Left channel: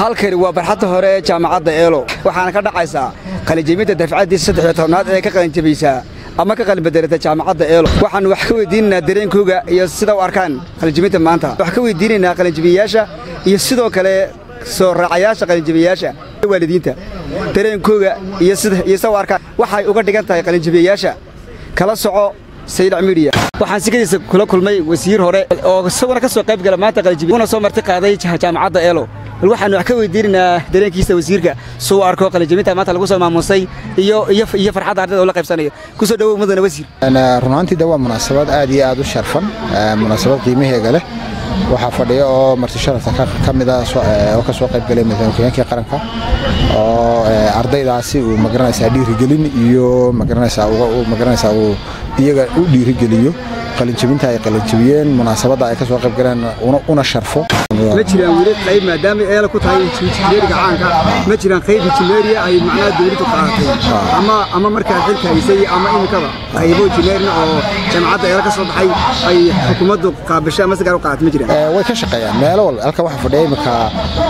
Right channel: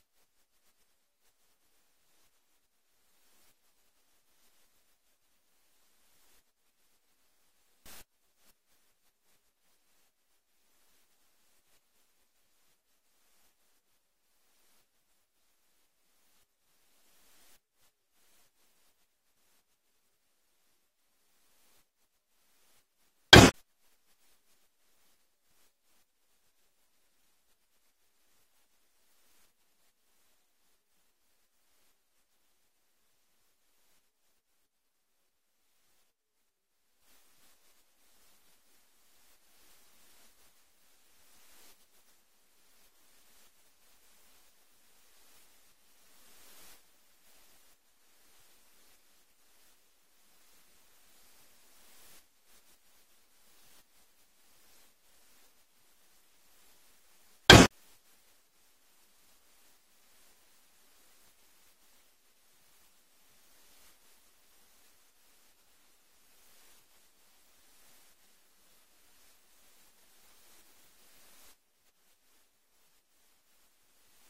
halkani waa barxadda hore ee jaamacadda Eelo waxaana ka dhacaysa qalinjebinta dafcadii 13aad ee ka qalinjebiyay ama ka qalin bedelata jaamacadda Eelo waxaan wax ka weydiinaa dareenkooda iyo sida u arkaan qalinjebinta maanta wax ka weydiinaa qalinjebiyaasha iyo sidoo kale soo raacayaasha qalinjebiyaasha waalidiinta dareenkooda iyo sida u arkaan waxay uga dhigan tahay qalinjebiyaasha kala soco Sayid Media waxaan sikadiisa kula kulmay wasiir hore oo sawir ka soo qayb galay maanta qalinjebinta soo marti qaaday jaamacadda Eelo waxaan wax ka weydiinaa dareenkiisa wasiirka soo arko qalinjebinta maanta lagu soo maamusay iyo farxadda ardayda oo la qaybsanayo ku soo dhawow mudane wasiir ana runtii waa munaasabad aad iyo aad u sharfan munaasabad qiimaheega leh waxa fadhiyo oo marti sharafta ka mid ah oo ka soo qayb galay madaxweynaha qaranka oo ardaydaasi uu magaranaysa dhiirigelin iyo magaranaysa uu iyaga u dhiirigeliyo qalinjebinta ay qalinjebiyeen munaasabada ay ka soo qayb galeen una sharfo ma jiraan wili qayb maadaama ay ku tahay injineeriga caanka ma jiraan qayb injineeriya ay macnaha dawladdu qaadatay ama markaa xilka haysay ama imikaba qaybo injineerina oo jaamacadda ay ka soo baxay ay xukuumaddu qaabashay ama sigaar u qaadatay ma jiraan way ka shaqeeyaan meelo walba halka waxa fadhiyay imika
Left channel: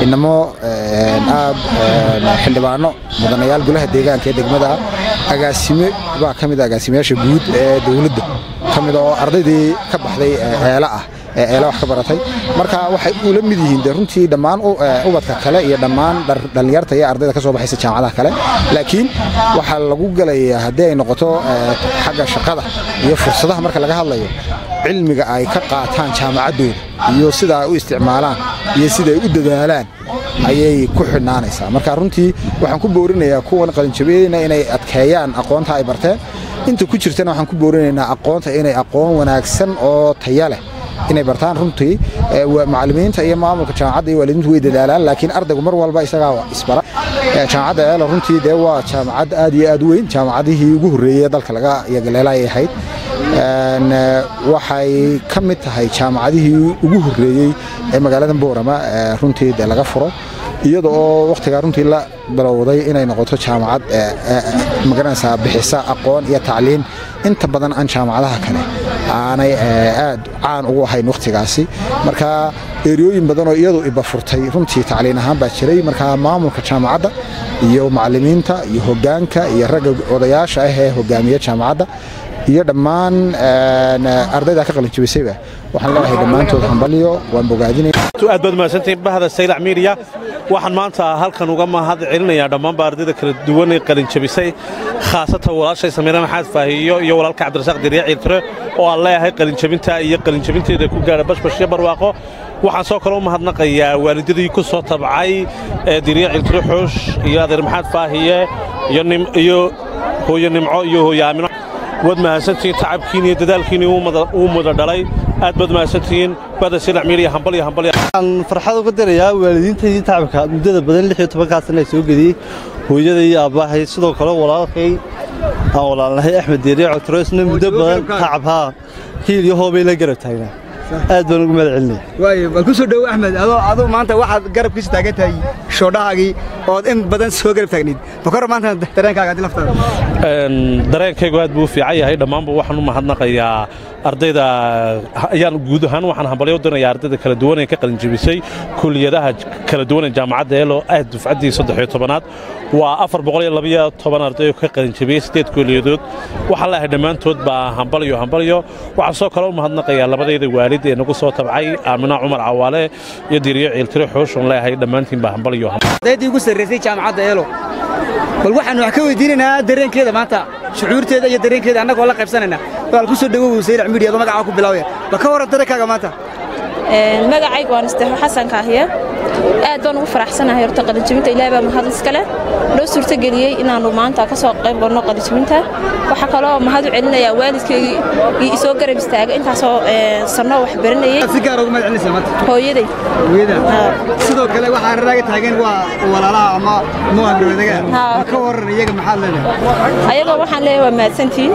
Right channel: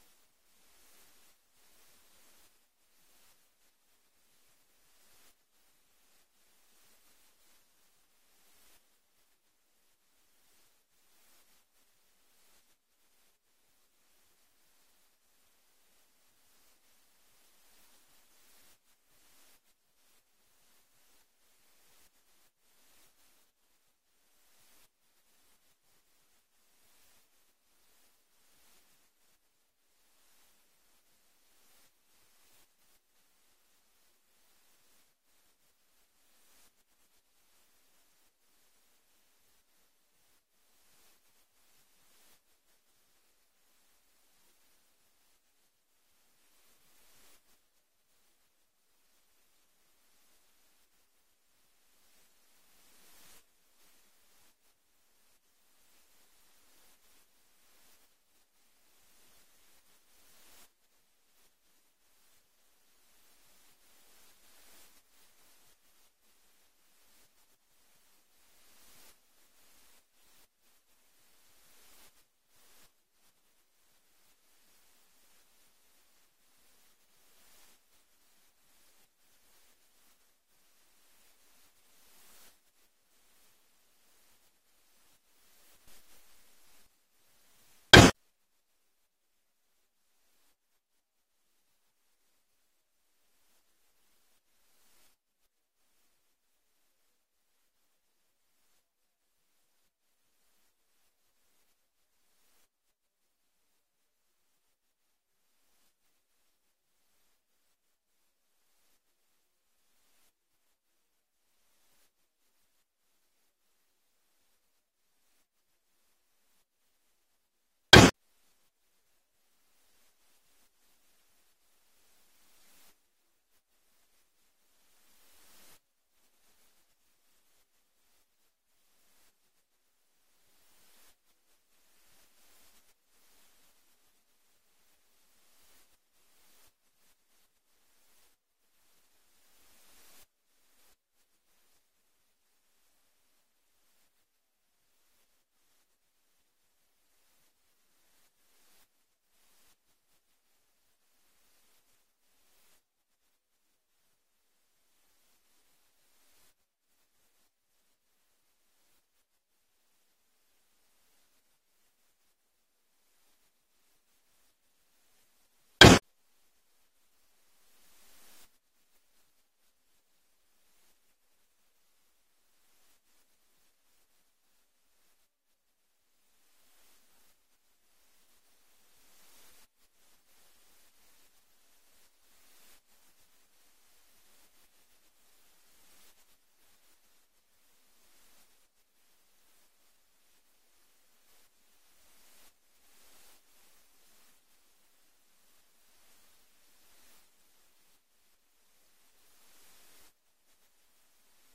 inamo xildhibaano mudanayaal golaha deegaanka ee degmada agaasime baa kamid ah agaasimeyaasha guud ee dawladda kamid oo ardaydii ka baxday eela wax ka baratay marka waxay u la mid yihiin runtii dhammaan ubadka kale iyo dhammaan dhalinyarta iyo ardayda ka soo baxaysa jaamacadaha kale laakiin waxa lagu galayaa hadii ay noqoto xagga shaqada iyo fursadaha marka laga hadlayo cilmiga ay ka qaataan jaamacadooda iyo sida ay u isticmaalaan iyo sida ay u dadaalaan ayay ku xidhnaanaysaa marka runtii waxaan ku boorinayaa kuwan qalinjebiyayna inay adkeeyaan aqoonta ay barteen inta ku jirtana waxaan ku boorinaynaa aqoonta inay aqoon wanaagsan oo tayo leh inay bartaan runtii macallimiinta iyo maamulka jaamacadda iyo waalidiintu way dadaalaan laakiin ardaygu mar walba isaga isbara jaamacadda Eelo runtii waa jaamacad aad iyo aad u weyn jaamacadihii ugu horeeyay dalka laga yagaleelay ahayd waxay ka mid tahay jaamacadihii ugu horeeyay ee magaalada Boorama runtii laga furo iyadoo waqtiga runtii la bilowday inay noqoto jaamacad magaranaysa bixisa aqoon iyo tacliin inta badan aan jaamacadaha kale aanay aad caan ugu ahayn waqtigaasi marka eeriyooyin badan oo iyadu iba furtay runtii tacliin ahaan baa jiray marka maamulka jaamacadda iyo macallimiinta iyo hoggaanka iyo ragga odayaasha ah ee hogaamiya jaamacadda iyo dhammaan ardayda ka qalinjebisayba waxaan leeyahay dhamaantood hambaliyo waan bogaadinayaa aad baad mahadsantiin bahda Sayid Media waxaan maanta halkan uga mahad celinayaa dhammaan ardayda kala duwan ee qalinjebisay khaasatan walaashay Samiira Maxaad Faahiyo iyo walaalka Cabdirasaaq Diriic Iltire oo aan leeyahay qalinjebinta iyo qalinjebinteeda ku gaara bashbash barwaaqo waxaan soo kale u mahadnaqayaa waalidadii ku soo tabcay Diriic Iltire Xoosh iyo Adeer Maxaad Faahiye iyo hooyo Nimco iyo hooyo Aamino wad mahadsantiin tacabkiin iyo dadaalkiin uu mudo dhalay aad bad mahadsantiin bada Sayid Media hambaliyo aan farxad uga dirayaa waalidiintii tacabka muddada badan 16 sano soo gadiyay hooyada iyo aabahay sidoo kale walaalkay aan walaalnahay Axmed Diriic Iltire isna muddo badan tacabha hiil iyo hoobay la garab taagnaa aad baan ugu mahad celinay way bal ku soo dhaw Axmed adoo maanta waxaad garabkiisa taagan tahay shoodhaagii oo in badan soo garab taagneed bakar maanta dareenkaaga adii laftada dareenkaygu aad buu fiican yahay dhamaanba waxaan u mahadnaqayaa ardayda ayaan guud ahaan waxaan hambaliyo u dirayaa ardayda kala duwan ee ka qalinjebisay kulliyadaha kala duwan ee jaamacadda Eelo aad dufcadii 13aad waa 412 arday oo ka qalinjebiyay 8 kulliyadood waxaan leeyahay dhamaantood baa hambaliyo waxaan soo kale u mahadnaqayaa labadayda waalid ee nagu soo tabcay Aamina Cumar Cawaale iyo Diriic Iltire Xoosh oo leeyahay dhamaantiin baa hambaliyo ardaydii ugu sareysay jaamacadda Eelo bal waxaan wax ka weydiinaynaa dareenkeeda maanta shucuurteeda iyo dareenkeeda annagoo la qaybsanayna wal ku soo dhawow Sayid Media magaca ku bilaawaya baka waran dareenkaaga maanta magacaygu waan Istaxo Xasan Kaahiye aad baan ugu faraxsanahay horta qalinjebinta Ilaahay baa mahad iskale loo suurta galiyay inaanu maanta ka soo qayb galno qalinjebinta waxa kale oo mahad u celinayaa waalidkayga iyo soo garab istaagay intaas oo sano wax baranayay si gaar ugu magacaysa maanta hooyaday sidoo kale waxa raaga taagan waa walaalaha ama muwaadiniinta ka waran iyaga maxaa leeyahay ayaga waxaan leeyahay waa mahadsantiin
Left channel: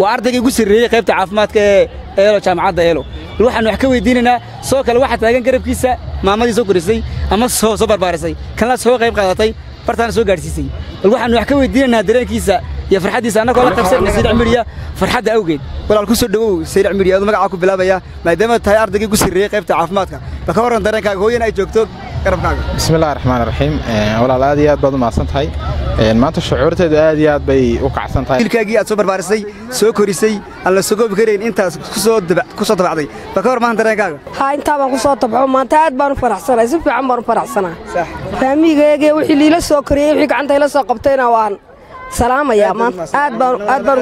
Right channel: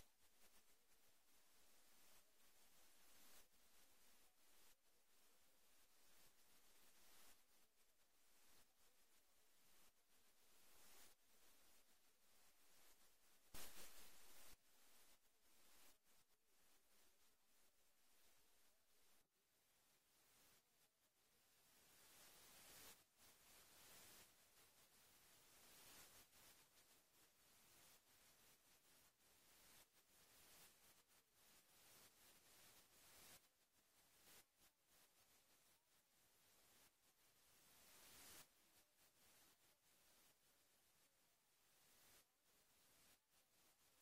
waa ardayga ugu sareeyay qaybta caafimaadka ee Eelo jaamacadda Eelo waxaan wax ka weydiinaynaa soo kale waxa taagan garabkiisa maamadii soo korisay ama soo barbaarisay kan la soo qayb qaadatay bartaan soo gaarsiisay waxaan wax ka weydiinaynaa dareenkiisa iyo farxadiisa annagoo la qabsan Sayid Media farxadda awgeed walaal ku soo dhawow Sayid Media magaca ku bilaabaya maadaama tahay ardayga ugu sareeyay qaybta caafimaadka baka waran dareenkaaga hooyana ay joogto garabkaaga bismillahi raxmaani raxiim walaal aad iyo aad baad u mahadsantahay maanta shucuurteedu aad iyo aad bay u kacsan tahay ilkaagii aad soo barbaarisay soo korisay aan la soo goobi karayn intaas ku soo dabacday baka war maanta dareenkaaga haa intaa baan ku soo tabco maanta aad baan u faraxsanahay si fiican baan u faraxsanahay faamigayga wixii liila soo koriyay wixii gacanta ila soo qabtayna waan salaamaya maanta aad baan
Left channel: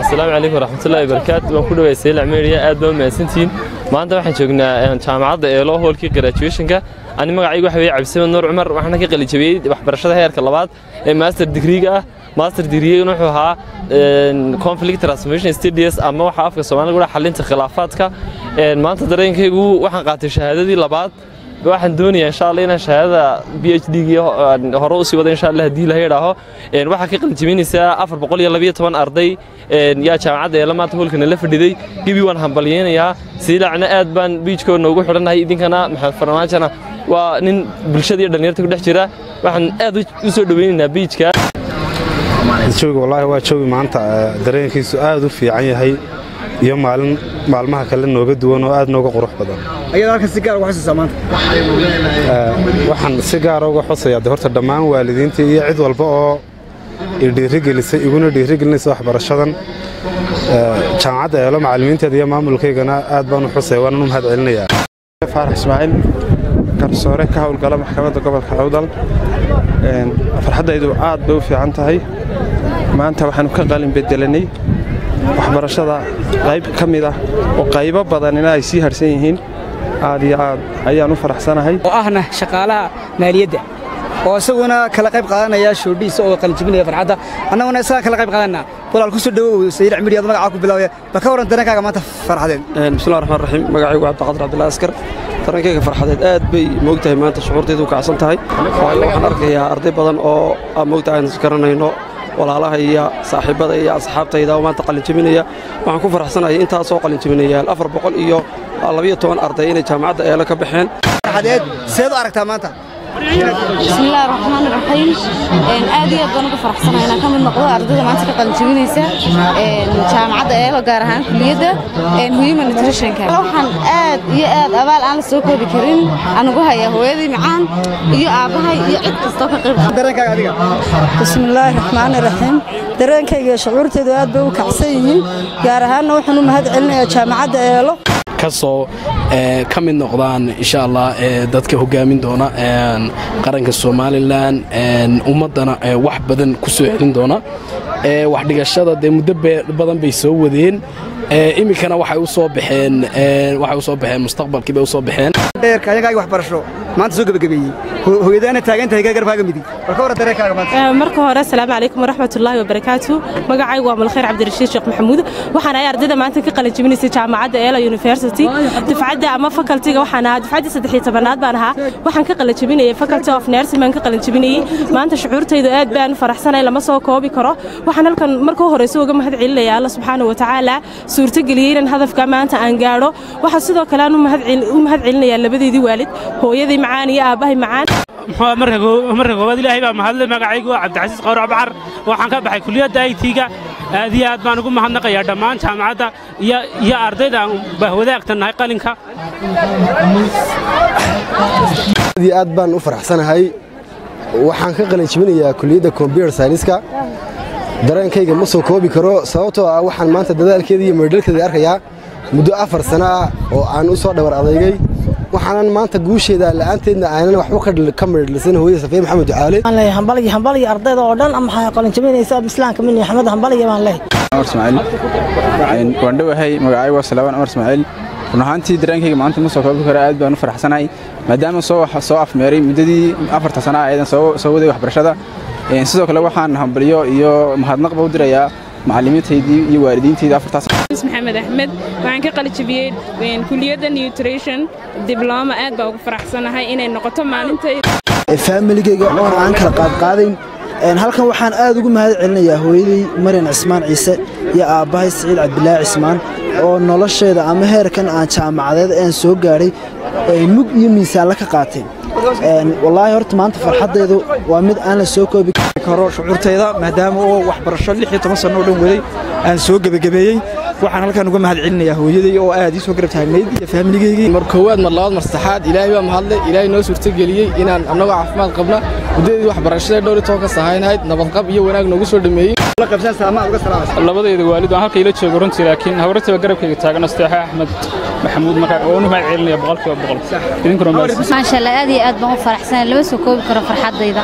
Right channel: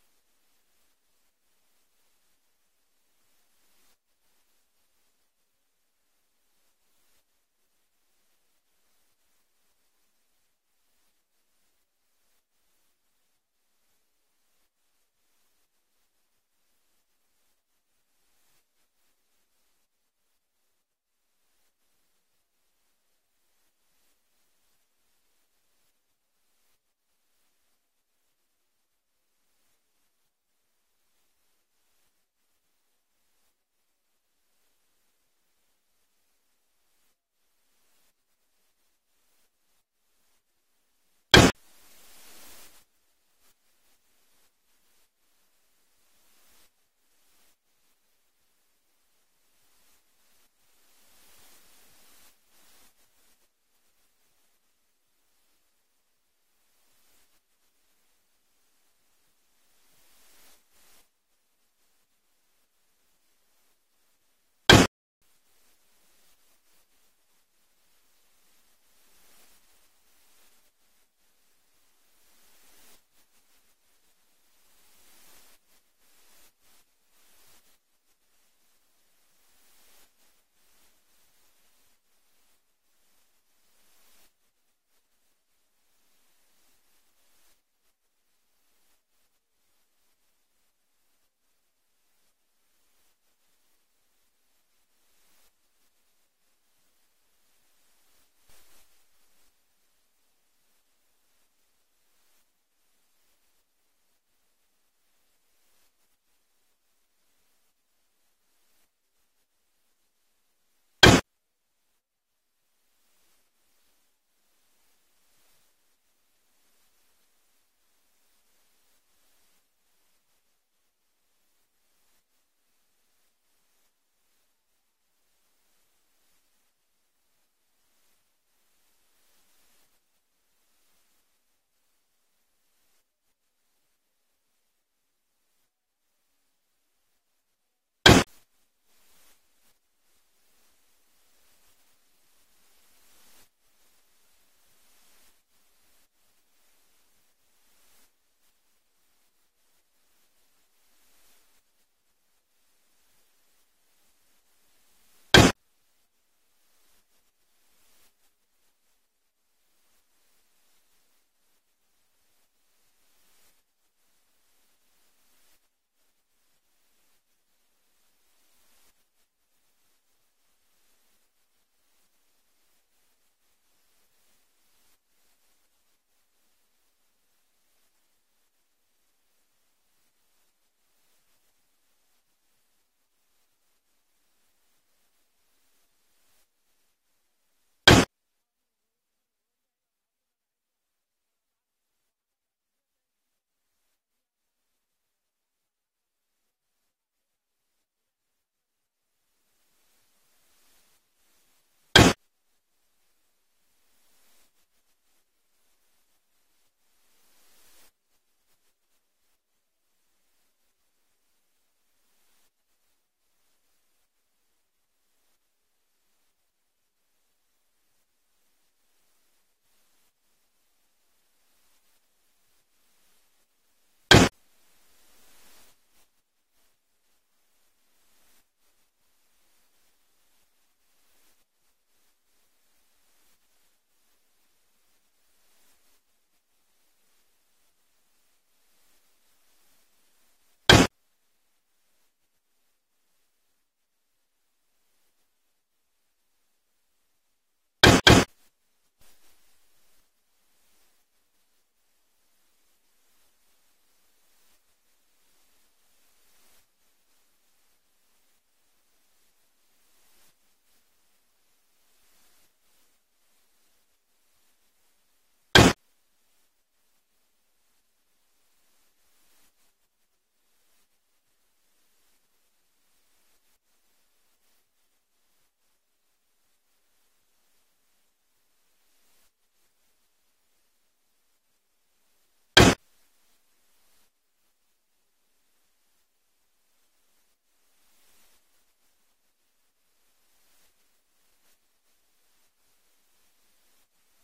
السلام عليكم ورحمة الله وبركاته وأنا كل ويسيل عميرية أدبا ماسنتين ما أنت واحد شغلنا جامعة إيلو هو الكي graduation كا أنا ما قاعد واحد عبد السلام نور عمر وإحنا كي قلي جبيد وحبرشة هاي الكلابات ماستر ديجري ماستر ديجري نحوها conflict transformation studies أما وحاف كسوان نقول حلين خلافات كا ما أنت درين كي جو واحد قاعد الشهادة دي لبعض واحد دنيا إن شاء الله إن شهادة PhD هروسي وده إن شاء الله دي لهي راهو واحد كي قلت جميني ساعة أفر بقول يلا بيه طبعا أرضي يا جامعة يلا ما تقول كنا لف دي جيبي وان همبليين يا سيلا عنا أدبان بيج كون نوجو حرنا هاي إذن كنا محل فرناجنا ونن بالشدة دنيا تقول دحجرة واحد أدو يسوي دويننا بيج كا شوق والله هو شوق ما أنت درين كي سؤال في عين هاي يوم معلمها كلنا نوجد دوان وأد نوجو قروح بدن أيضا كان سيجار وحش الزمان وحن سيجار وحص يا دهورت الدمان والدين تي عد والبقى يديرجل يقولون يديرجل نسوح برشادن جامعة يلا معلمين تدي ما ملكي جنا أدبان وحص وانا نم هذا علنيا فارح إسماعيل كرسورة كهول قلم محكمة قبل كعودل فرحة يدو عاد بو في عنتهاي ما أنت وحن كقلم بدلني waxbarashada qayb kamid ah oo qaybo badan inay si harsan yihiin aad iyo aad ayaan u faraxsanahay oo ahna shaqaalaha maaliyadda oo isaguna kala qayb qaadanaya shoodhiisa oo qalin jibinaya farxadda annaguna isaga kala qayb qaadanaa walaal ku soo dhawow sayid cimriyada magaca ku bilaaway baka waran dareenkaaga maanta farxadeed bismillaahir rahmaanir rahiim magacaygu Cabdiqaadir Cabdullaahi Askar dareenkayga farxadeed aad bay moogtahay maanta shucuurtaydu ka kacsan tahay waxaan arkayaa arday badan oo aan moogtahay garanayno walaalaha iyo saaxiibada iyo asxaabtayda oo maanta qalin jabinaya waxaan ku faraxsanahay intaas oo qalin jabinaya 400 iyo 12 arday inay jaamacadda eela ka baxeen farxadeed seed u aragtaa maanta بسم الله الرحمن الرحيم aad iyo aad baan ugu faraxsanahay inaan ka mid noqdo ardayda maanta ka qalin jabinaysa jaamacadda eelo gaar ahaan kulliyadda human nutrition ka waxaan aad iyo aad abaal aan la soo koobi karin anigu haya hooyadii macaan iyo aabahay iyo cid kasta ka qayb dareenkaaga adiga بسم الله الرحمن الرحيم dareenkayga shucuurteedu aad bay u kacsan yihiin gaar ahaan waxaan u mahad celinayaa jaamacadda eelo kasoo ka mid noqdaan insha Allah dadka hogaamin doona qaranka Soomaaliland ummadana wax badan ku soo celin doona wax dhigashada muddo badan bay soo wadeen imikana waxay u soo baxeen mustaqbalkii bay u soo baxeen dheerka ayaga wax barasho maanta soo gabagabeeyay hooyadaana taagantahay garabkaaga midig marka hore dareenkaaga maanta marka hore assalaamu calaykum waraxmatullaahi wabarakaatuh magacaygu waa Malkheer Cabdirashiid Sheekh Maxamuud waxaan ahay ardayda maanta ka qalin jabinaysay jaamacadda Eela University dufcadda ama faculty-ga waxaan ahaa dufcadda 13aad baan ahaa waxaan ka qalin jabinayay Faculty of Nursing ka qalin jabinayay maanta shucuurtaydu aad baan faraxsanahay lama soo koobi karo waxaan halkan markii hore soo uga mahad celinayaa Allah subhanahu wa ta'ala suurtageliyay in hadafka maanta aan gaaro waxa sidoo kale aan u mahad celinayaa labadeedii waalid hooyadii macaan iyo aabahay macaan marka koowaad ilaahay baa mahadlay magacaygu Cabdicasiis Qawrac Baxar waxaan ka baxay kulliyadda IT-ga aad iyo aad baan ugu mahadnaqayaa dhammaan jaamacadda iyo ardayda wadaagtanahay qalinka aad baan u faraxsanahay waxaan ka qalin jabinayaa kulliyadda computer science-ka dareenkayga ma soo koobi karo sababtoo ah waxaan maanta dadaalkeeda iyo meedhalkeeda arkayaa muddo 4 sano ah oo aan u soo dhabar adeegay waxaan maanta guusheeda la'aanteedna aanan waxba ka meedhalsan hooyada Safiya Maxamed Ducaale aan leeyahay hambaliga ardayda oo dhan ama qalin jabinaysa islaamka min Axmed hambaliga baan leeyahay Umar Ismaaciil waan dhawahay magacaygu waa Salawaan Umar Ismaaciil runaantii dareenkayga maanta ma soo koobi karo aad baan u faraxsanahay maadaama soo afmeeray muddadii 4 sano ah aydan soo waday waxbarashada sidoo kale waxaan hambaliyo iyo mahadnaq u dirayaa macallimiintaydii iyo waalidiintaydii 4 sano Maxamed Ahmed waxaan ka qalin jabiyay kulliyadda nutrition diploma aad baan ugu faraxsanahay inay noqoto maalintayda family-gayga oo aan kala qaadayn halkan waxaan aad ugu mahad celinayaa hooyadii Mariin Cismaan Ciise iyo aabahay Saciid Cabdilaahi Cismaan oo nolosheeda ama heerkan aan jaamacadeed aan soo gaaray mug iyo miisaan la ka qaatay والله هرت ما أنت فرحت ذو ومد أنا سوق بكرر شعورت هذا مهدام هو وحبرشة اللي حيت مصر نقولهم ولي أنا سوق بجبيي waxaan halkan uga mahad celinayaa hooyaday oo aad ii soo garab taagnayd iyo faamiligeyga mar koowaad mar labaad mar saddexaad ilaahay baa mahadle ilaahay noo suurtageliyey inaan annagoo caafimaad qabna muddadii waxbarashada dhowr iyo toban ka sahaynayd nabadqab iyo wanaag noogu soo dhameeyey labadayda waalid aan halka ila joogo runtii laakiin hawrtaba garabkayga taagan asteexa axmed maxamuud markaa oo mahad celinaya boqolkiiba boqol idinkuna maasha Allah aad iyo aad baan u faraxsanahay lama soo koobi karo farxadayda